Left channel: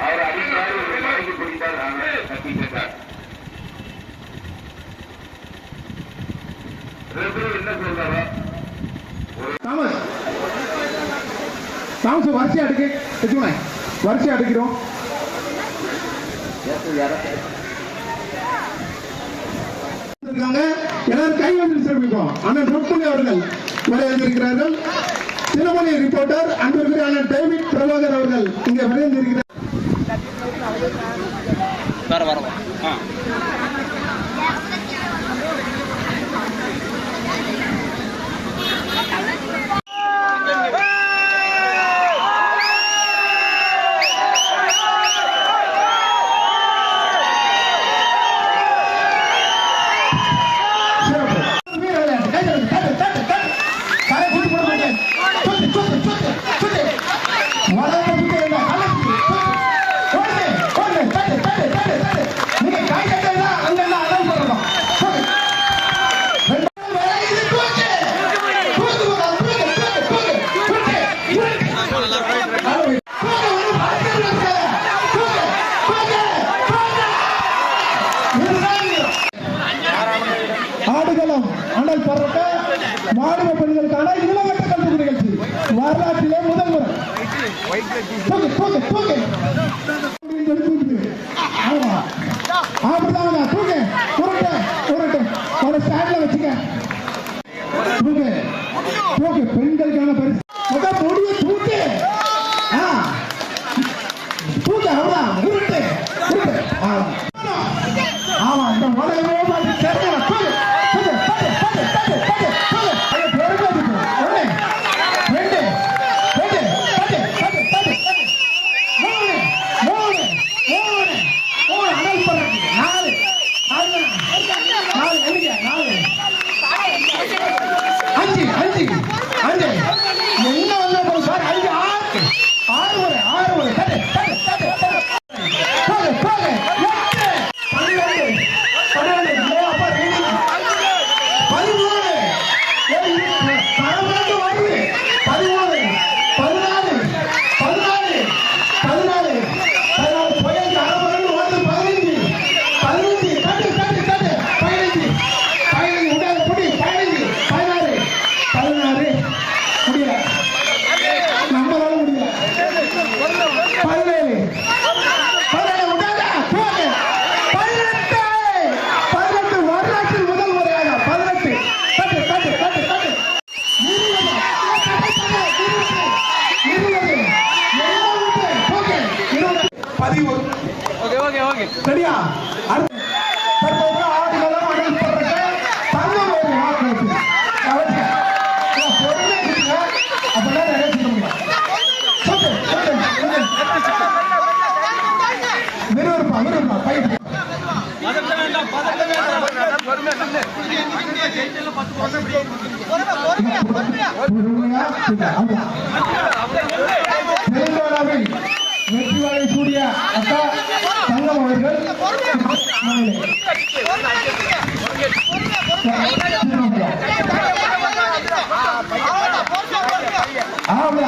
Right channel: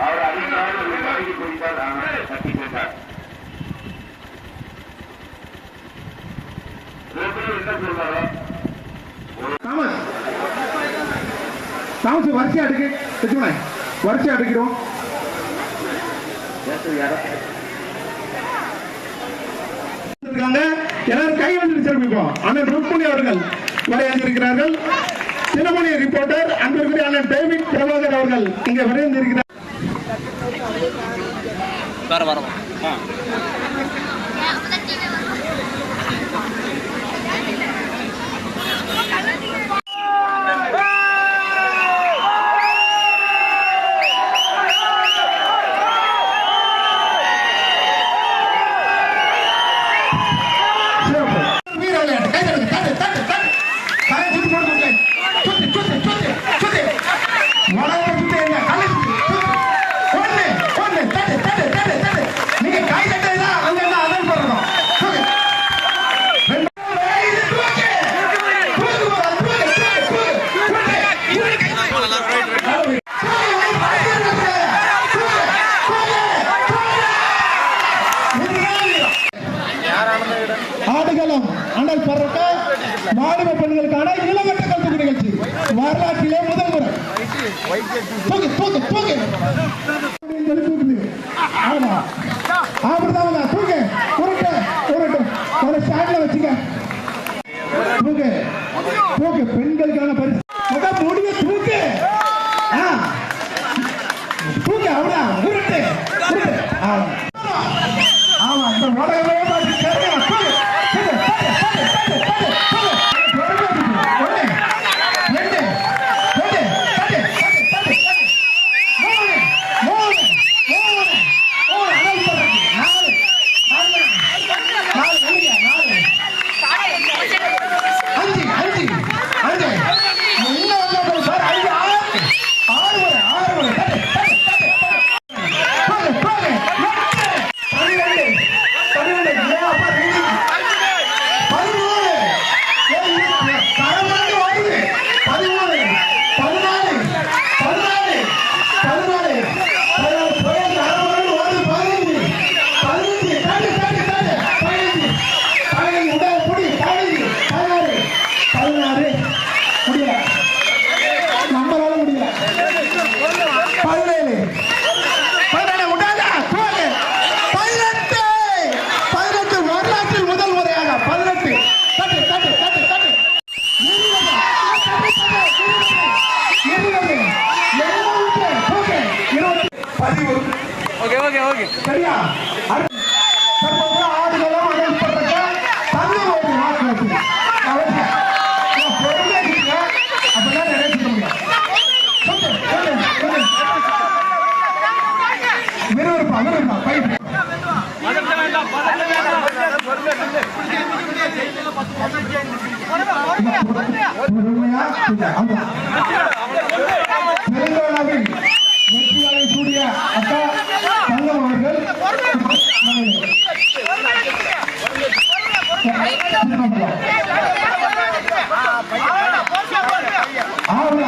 அவர் அறிந்தால் பிடித்தார் ஆனால் தப்பி வச்சுக்கோங்க வரிசையா அடுக்கிறோம் அவர்கள் வரையந்திருக்கிறார்கள் தினமணி ரிப்போர்ட்டர் அன்பிற்குரிய அண்ணன் டேவிட் அவர்கள் இங்கே வரையந்திருக்கிறார் வேறு வரவா ஆ What happened? அண்ணல் பரட்ட மாநில பெண்களுக்கான இளவட்ட கல்வி நிகழ்ச்சி. வரலாற்றிலே முதல் முறை. Where you சரியா? தற்போது ஆடுகளும் அடைப்படுறத தமிழ் ஒரு வாக்கு பொறுமை இருக்குங்க. அப்பதான் நிறைவேற்ற முடியும் விறுவிறுப்பா விறுவிறுப்பா பயிர் பொறுமையா அந்த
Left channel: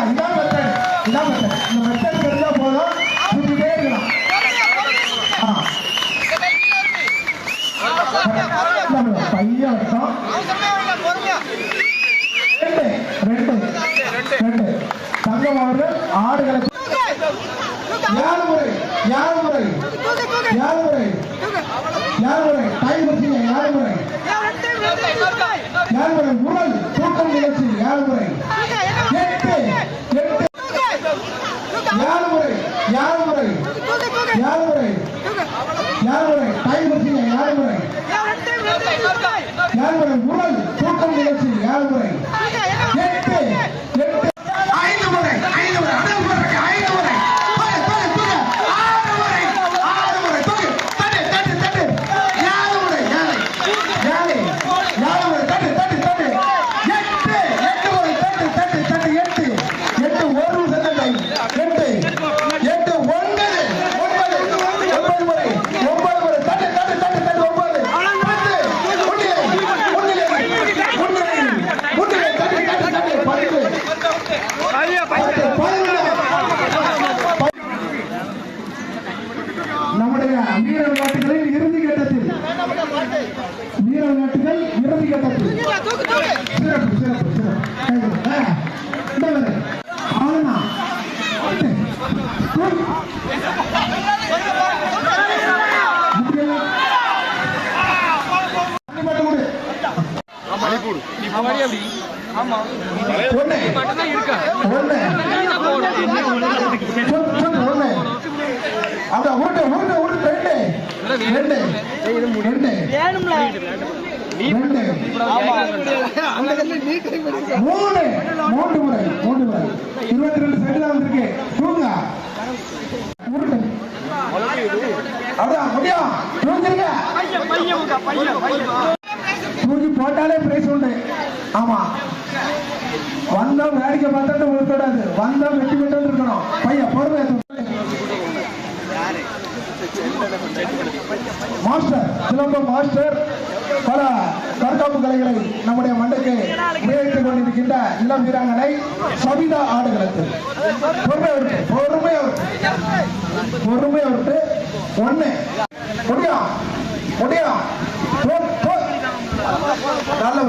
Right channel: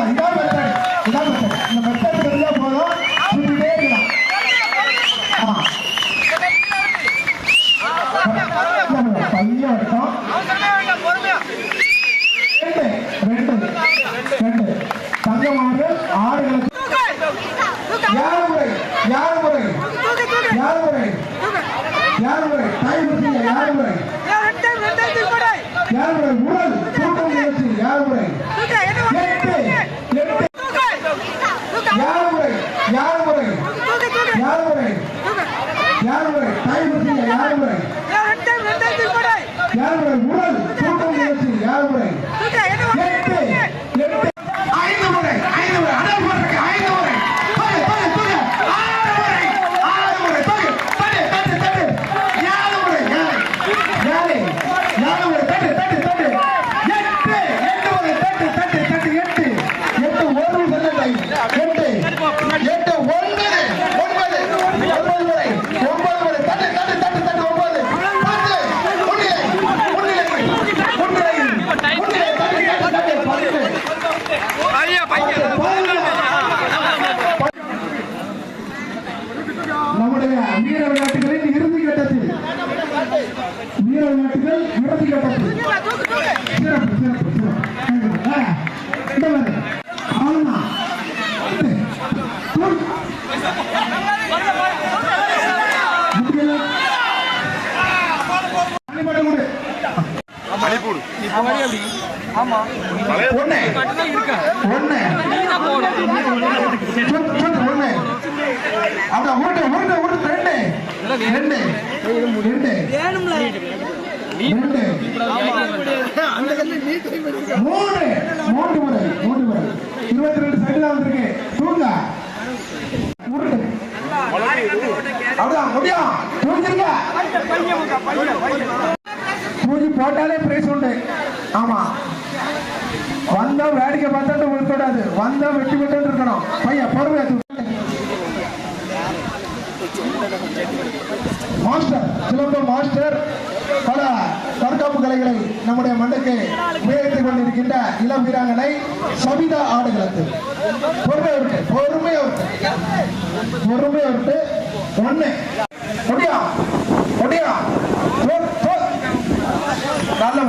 இதான் மெத்தட் இதான் மெத்தட் இந்த மெத்தட் தெரிஞ்சா போதும் சுற்றிட்டே இருக்கலாம் பையன் வட்டம் ரெண்டு ரெண்டு ரெண்டு தங்கம் ஆடுகளுக்கு ஆமா ஒண்ணு. ஒண்ணு. ஒண்ணு. அதான் உருட்டு, உருட்டு, உருட்டு, ரெண்டு. ரெண்டு. ரெண்டு. ரெண்டு. மூணு மூன்று முறை மூன்று முறை இருபத்தி ரெண்டு வந்திருக்கு தூங்க உருட்டு முடியும் பூஜை போட்டாலே பிரைஸ் உண்டு ஆமா. வந்த வேடிக்கை பார்த்துட்டு விழுக்கூடாது வந்தா வெட்டி விட்டு இருக்கணும். பையன் பொறுமையா மாஸ்டர் சிலம்பம் மாஸ்டர் பல தற்காப்பு கலைகளை நம்முடைய மண்டைக்கு உபயோகித்துக் கொண்டிருக்கின்ற இளம் வீராங்கனை சபிதா ஆடுகளுக்கு பொறுமையா இருக்கு. பொறுமையா இருக்கு. பொறுமையா இருக்கு. ஒண்ணு. முடியா முடியா நல்ல